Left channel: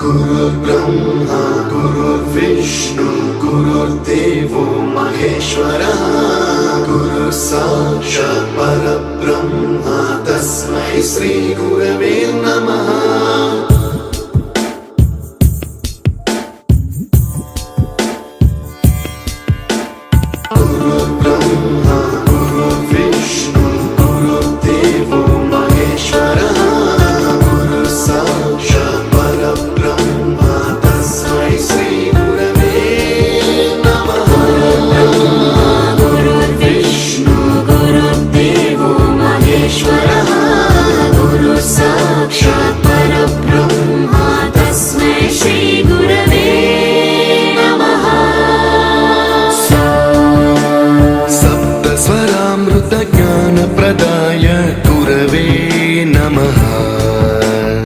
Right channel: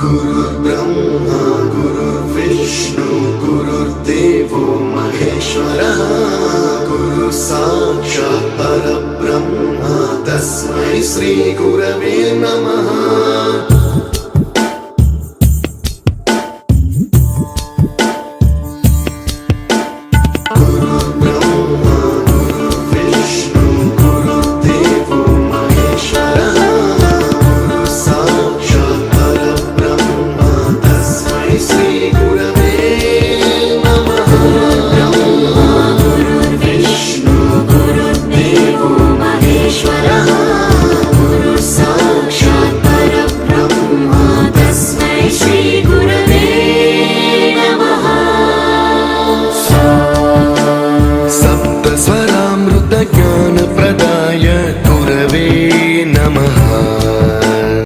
गुरुर्ब्रह्मा गुरुर्विष्णु गुरुर्देवो महेश्वरः गुरु साक्षात् परब्रह्म तस्मै श्री गुरवे नमः।